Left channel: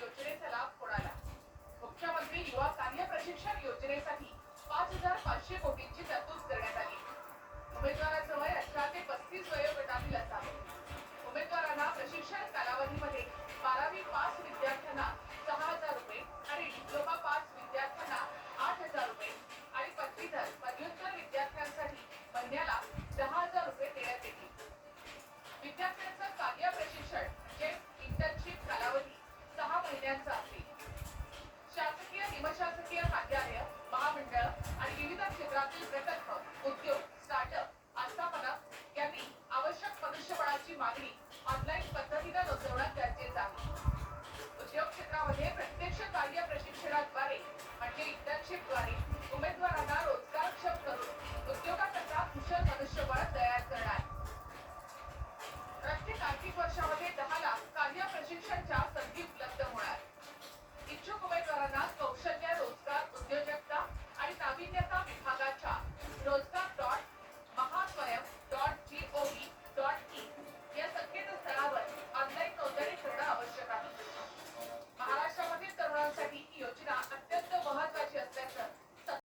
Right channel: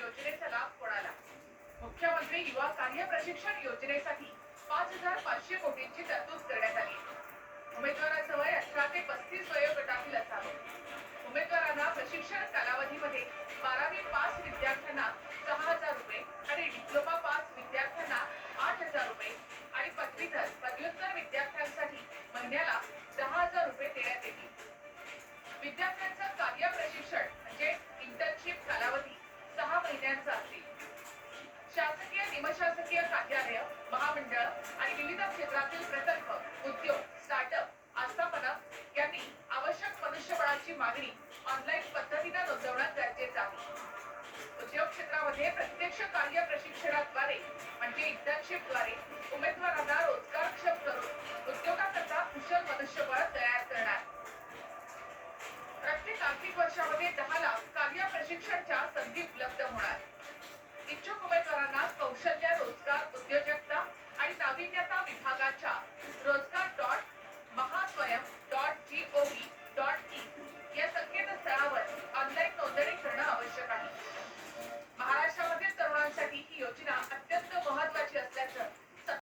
योजनेचा लाभ कोणाला? मुख्यमंत्री युवा कार्य प्रशिक्षण योजनेसाठी 5,500 कोटींची तरतूद करण्यात आली. उमेदवाराचं वय 18 ते 35 वयोगटातील असावे. उमेदवारांना प्रशिक्षण कालावधीमध्ये 12वी पास विद्यार्थ्यांना 6,000 रुपये आणि डिप्लोमा पास विद्यार्थ्यांना 8,000 रुपये आणि पदवीधर पदव्युत्तर विद्यार्थ्यांसाठी महिन्याला 10,000 रुपये देण्यात येतील. विद्यार्थ्यांचं कार्य प्रशिक्षण म्हणजे इंटर्नशिप कालावधी 6 महिन्यांचा असेल. शासकीय निमशासकीय कार्यालय महामंडळ आणि विविध क्षेत्रातील प्रकल्प उद्योग स्टार्टअप आस्थापना यांनी आवश्यक मनुष्यबळाची मागणी ऑनलाईन पद्धतीने नोंदवणं गरजेचं आहे. उद्योग क्षेत्रामध्ये प्रत्यक्ष कार्य प्रशिक्षणाद्वारे म्हणजे इंटर्नशिपद्वारे